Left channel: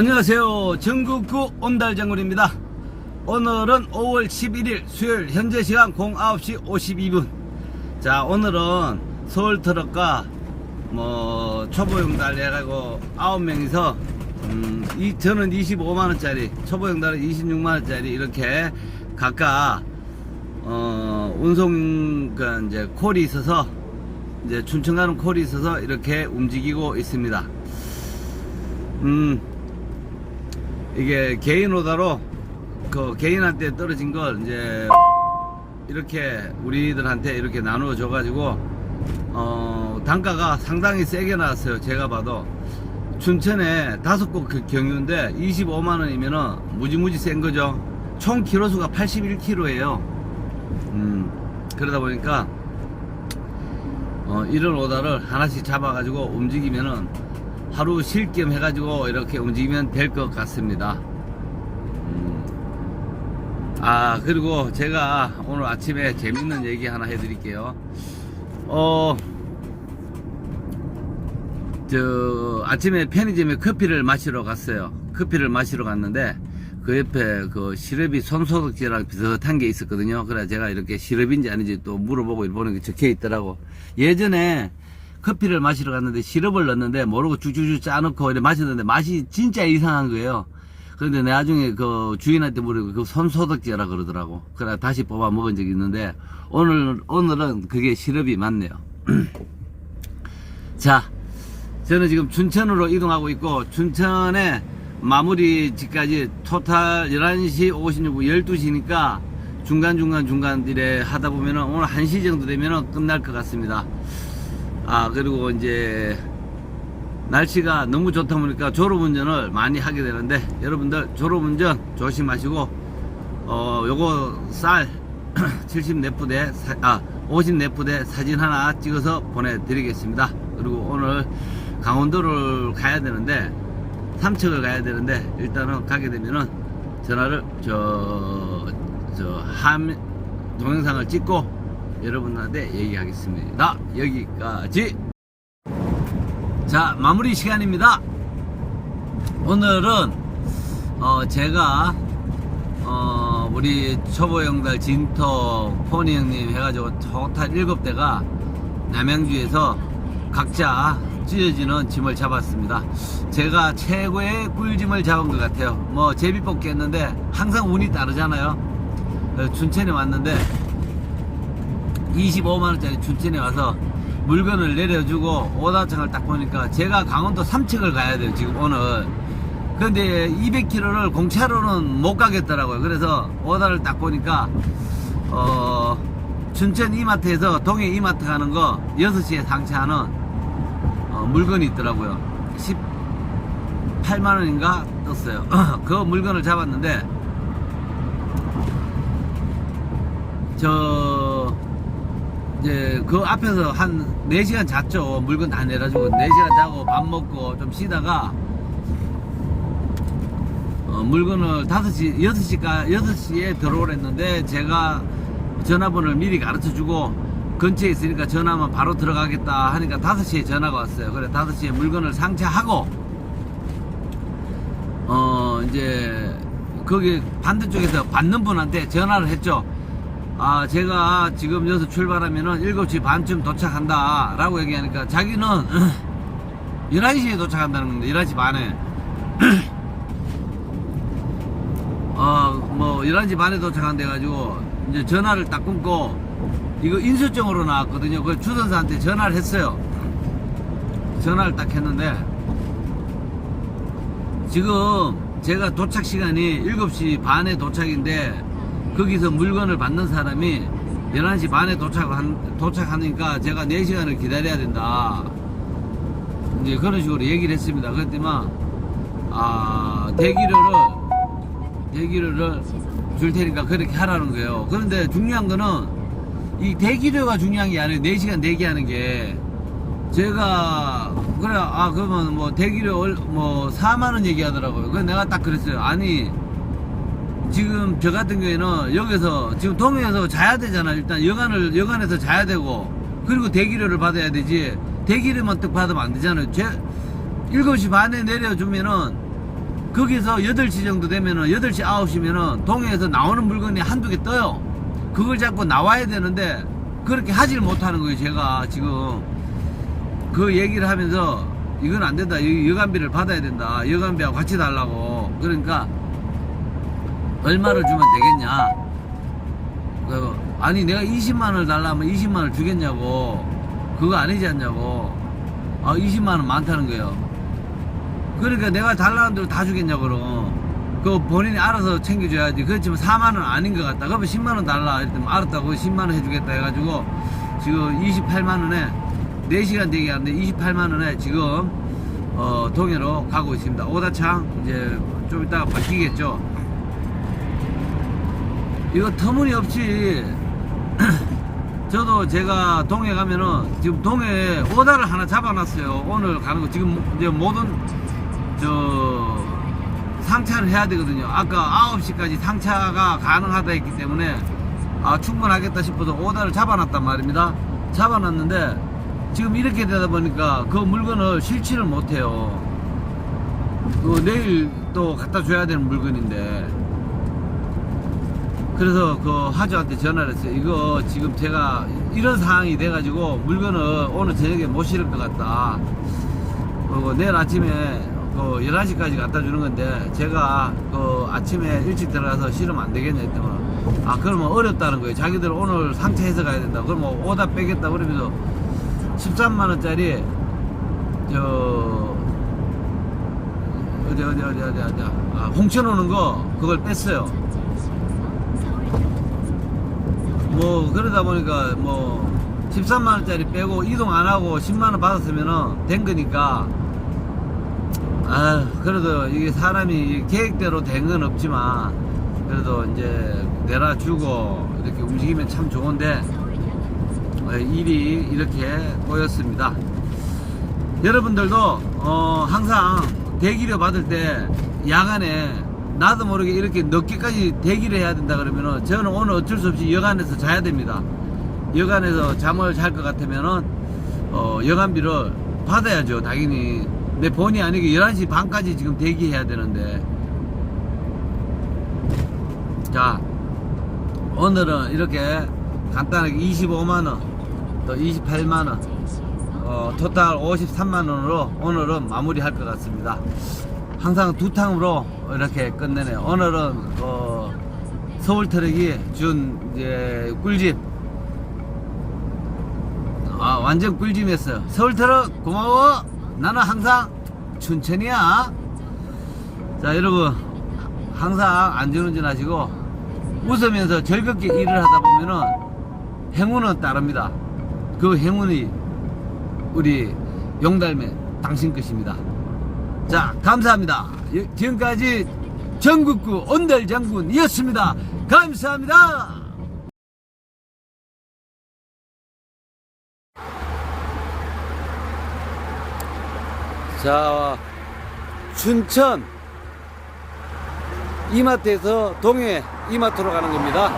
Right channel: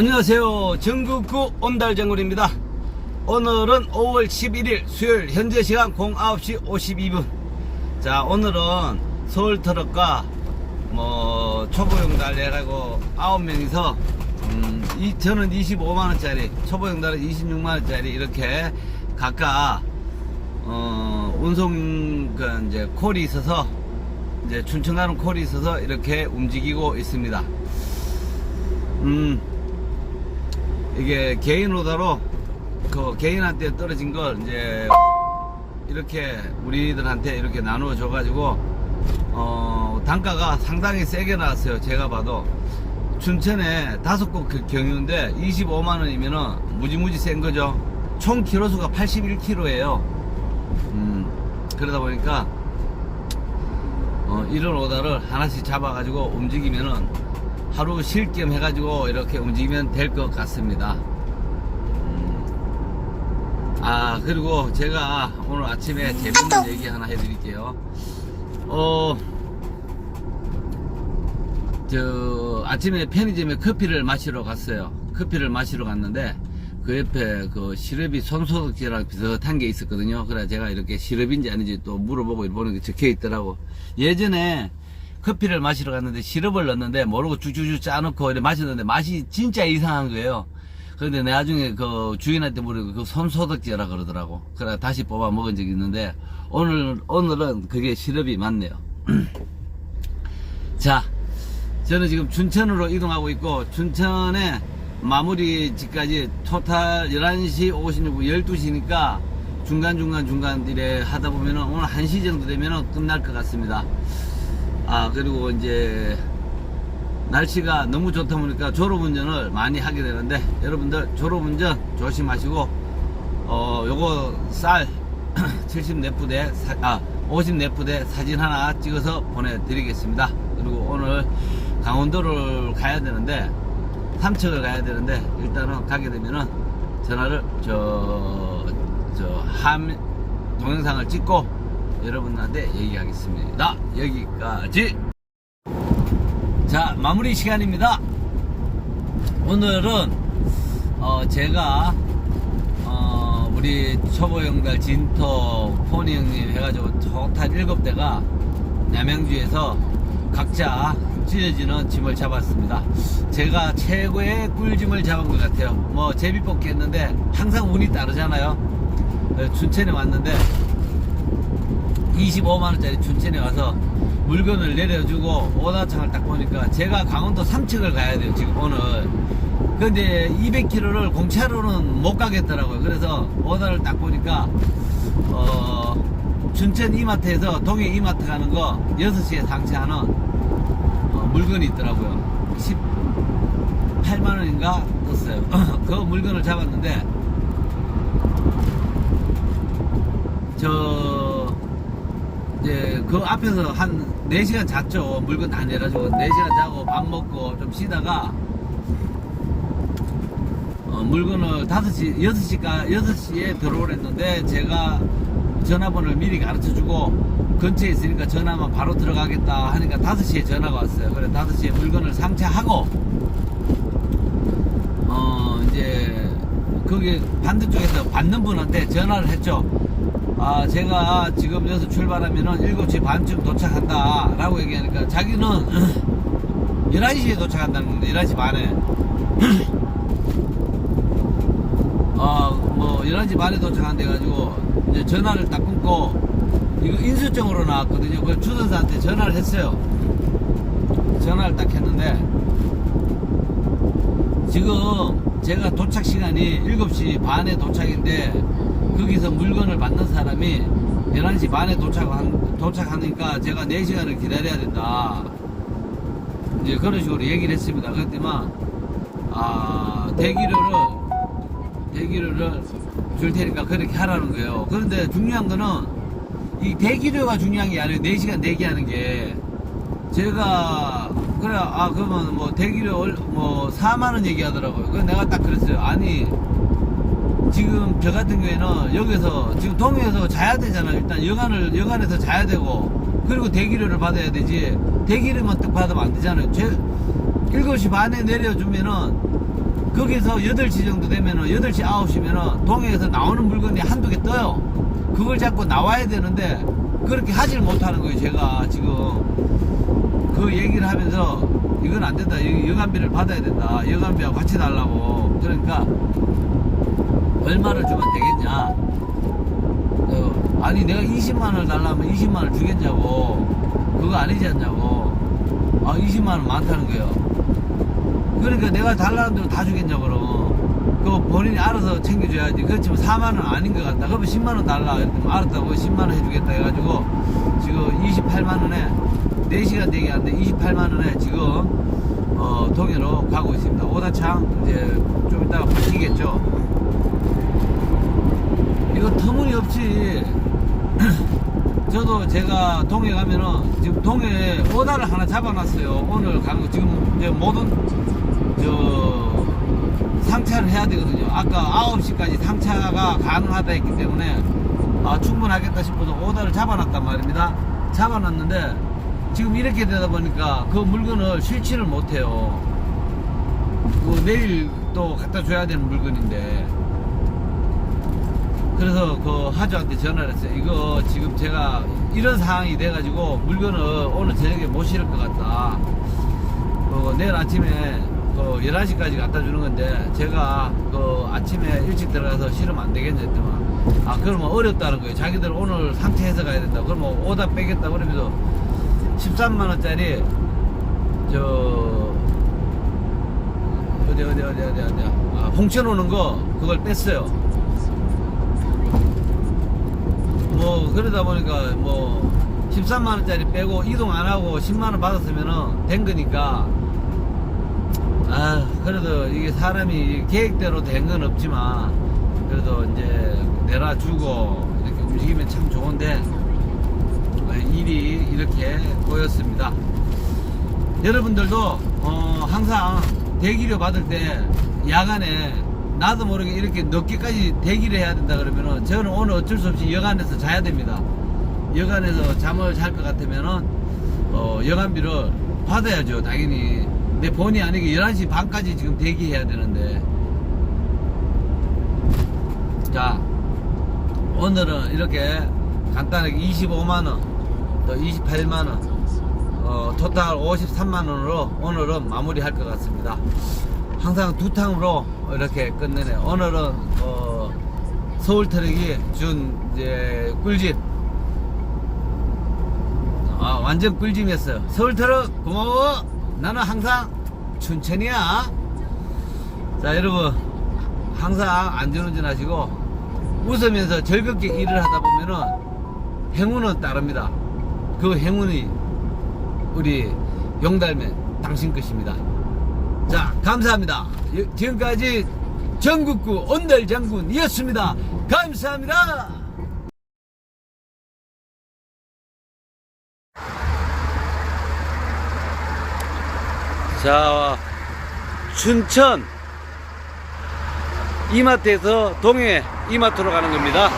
안녕하세요. 전국구 온달정군입니다. 오늘은 5월 11일 수요일 현재 시간 09시 52분. 자, 오늘은 서울 트럭과 뭐 초보용 달 해가지고 9명이서 음, 이, 저는 25만원짜리, 초보용 달은 26만원짜리 이렇게 각각 어, 운송 그 이제 콜이 있어서 이제 춘천 가는 콜이 있어서 이렇게 움직이고 있습니다. 음, 이게 개인 오다로 그 개인한테 떨어진 걸 이제 이렇게 우리들한테 이렇게 나누어 줘 가지고 어 단가가 상당히 세게 나왔어요. 제가 봐도. 춘천에 다섯 곳그 경유인데 25만 원이면은 무지무지 센 거죠. 총 키로수가 81km예요. 음 그러다 보니까 어, 이런 오다를 하나씩 잡아 가지고 움직이면은 하루 쉴 겸 해가지고 이렇게 움직이면 될 것 같습니다. 음. 아, 그리고 제가 오늘 아침에 재밌는 얘기 하나 해드릴게요. 어, 저, 아침에 편의점에 커피를 마시러 갔어요. 커피를 마시러 갔는데, 그 옆에 그 시럽이 손소독제랑 비슷한 게 있었거든요. 그래 제가 이렇게 시럽인지 아닌지 또 물어보고 보는 게 적혀 있더라고. 예전에 커피를 마시러 갔는데 시럽을 넣었는데 모르고 쭉쭉쭉 짜놓고 마셨는데 맛이 진짜 이상한 거예요. 그런데 나중에 그 주인한테 물어보고 그 손소독제라 그러더라고. 그래 다시 뽑아 먹은 적이 있는데 오늘 오늘은 그게 시럽이 맞네요. 자, 저는 지금 춘천으로 이동하고 있고 춘천에 마무리 집까지 토탈 11시 56분 12시니까 중간중간 중간 이래 하다 보면은 오늘 1시 정도 되면은 끝날 것 같습니다. 아 그리고 이제 날씨가 너무 좋다 보니까 졸업운전을 많이 하게 되는데 여러분들 졸업운전 조심하시고 어 요거 쌀 70네프대 아 50네프대 사진 하나 찍어서 보내드리겠습니다. 그리고 오늘 강원도를 가야 되는데 삼척을 가야 되는데 일단은 가게 되면은 전화를 저 저 함 동영상을 찍고 여러분한테 얘기하겠습니다. 여기까지. 자 마무리 시간입니다. 오늘은 어 제가 어 우리 초보 형들 진토 포니 형님 해가지고 토탈 7대가 남양주에서 각자 찢어지는 짐을 잡았습니다. 제가 최고의 꿀짐을 잡은 것 같아요. 뭐 제비 뽑기 했는데 항상 운이 따르잖아요. 그래서 춘천에 왔는데 25만원짜리 춘천에 와서 물건을 내려주고 오다창을 딱 보니까 제가 강원도 삼척을 가야 돼요 지금 오늘. 근데 200km를 공차로는 못 가겠더라고요. 그래서 오다를 딱 보니까 어 춘천 이마트에서 동해 이마트 가는 거 6시에 상차하는 어, 물건이 있더라고요. 18만원인가 떴어요. 그 물건을 잡았는데 저 이제 그 앞에서 한 4시간 잤죠. 물건 다 내려주고 4시간 자고 밥 먹고 좀 쉬다가 어, 물건을 5시, 6시가, 6시에 들어오랬는데 제가 전화번호를 미리 가르쳐 주고 근처에 있으니까 전화하면 바로 들어가겠다 하니까 5시에 전화가 왔어요. 그래 5시에 물건을 상차하고 어 이제 거기 반대쪽에서 받는 분한테 전화를 했죠. 아, 제가 지금 여기서 출발하면은 7시 반쯤 도착한다. 라고 얘기하니까 자기는 11시에 도착한다는 겁니다. 11시 반에. 어, 뭐, 11시 반에 도착한대 가지고 이제 전화를 딱 끊고 이거 인수증으로 나왔거든요. 그 주선사한테 전화를 했어요. 전화를 딱 했는데 지금 제가 도착 시간이 7시 반에 도착인데 거기서 물건을 받는 사람이 11시 반에 도착한, 도착하니까 제가 4시간을 기다려야 된다. 이제 그런 식으로 얘기를 했습니다. 그랬더만, 아, 대기료를, 대기료를 줄 테니까 그렇게 하라는 거예요. 그런데 중요한 거는 이 대기료가 중요한 게 아니에요. 4시간 대기하는 게. 제가, 그래, 아, 그러면 뭐 대기료 얼- 뭐 4만원 얘기하더라고요. 그래서 내가 딱 그랬어요. 아니, 지금 저 같은 경우에는 여기서 지금 동해에서 자야 되잖아. 일단 여간을 여간에서 자야 되고 그리고 대기료를 받아야 되지. 대기료만 딱 받으면 안 되잖아요. 제 7시 반에 내려주면은 거기서 8시 정도 되면은 8시 9시면은 동해에서 나오는 물건이 한두 개 떠요. 그걸 잡고 나와야 되는데 그렇게 하질 못하는 거예요. 제가 지금 그 얘기를 하면서 이건 안 된다. 여- 여간비를 받아야 된다. 여간비하고 같이 달라고. 그러니까 얼마를 주면 되겠냐? 그, 아니 내가 20만 원을 달라면 20만 원을 주겠냐고. 그거 아니지 않냐고. 아 20만 원 많다는 거예요. 그러니까 내가 달라는 대로 다 주겠냐고 그럼. 그 본인이 알아서 챙겨줘야지. 그렇지만 4만 원 아닌 것 같다. 그러면 10만 원 달라. 이랬더니 알았다고 10만 원 해주겠다 해가지고 지금 28만 원에 4시간 대기하는데 28만 원에 지금 어, 동해로 가고 있습니다. 오다창 이제 좀 이따가 바뀌겠죠. 이거 터무니없이 저도 제가 동해 가면은 지금 동해 오다를 하나 잡아놨어요. 오늘 가는 거 지금 이제 모든 저 상차를 해야 되거든요. 아까 9시까지 상차가 가능하다 했기 때문에 아, 충분하겠다 싶어서 오다를 잡아놨단 말입니다. 잡아놨는데 지금 이렇게 되다 보니까 그 물건을 실지를 못해요. 그 내일 또 갖다 줘야 되는 물건인데 그래서 그 하주한테 전화를 했어요. 이거 지금 제가 이런 상황이 돼가지고 물건을 오늘 저녁에 못 실을 것 같다. 그리고 내일 아침에 그 11시까지 갖다 주는 건데 제가 그 아침에 일찍 들어가서 실으면 안 되겠냐 했더만 아 그러면 어렵다는 거예요. 자기들 오늘 상체해서 가야 된다. 그러면 오다 빼겠다 그러면서 13만 원짜리 저 어디 어디 어디 어디 어디 아, 홍천 오는 거 그걸 뺐어요. 뭐 그러다 보니까 뭐 13만 원짜리 빼고 이동 안 하고 10만 원 받았으면은 된 거니까 아 그래도 이게 사람이 계획대로 된 건 없지만 그래도 이제 내놔주고 이렇게 움직이면 참 좋은데 아, 일이 이렇게 꼬였습니다. 여러분들도 어, 항상 대기료 받을 때 야간에 나도 모르게 이렇게 늦게까지 대기를 해야 된다 그러면은 저는 오늘 어쩔 수 없이 여간에서 자야 됩니다. 여간에서 잠을 잘 것 같으면은 어, 여간비를 받아야죠. 당연히 내 본의 아니게 11시 반까지 지금 대기해야 되는데 자 오늘은 이렇게 간단하게 25만원 또 28만원 어, 토탈 53만원으로 오늘은 마무리 할 것 같습니다 항상 두 탕으로 이렇게 끝내네요 오늘은 어, 서울 트럭이 준 이제 꿀집. 아 완전 꿀집이었어요. 서울 트럭 고마워. 나는 항상 춘천이야. 자 여러분. 항상 안전운전 하시고 웃으면서 즐겁게 일을 하다 보면은 행운은 따릅니다. 그 행운이 우리 용달매 당신 것입니다. 자, 감사합니다. 여- 지금까지 전국구 온달 장군이었습니다. 감사합니다. 자, 춘천 이마트에서 동해 이마트로 가는 겁니다.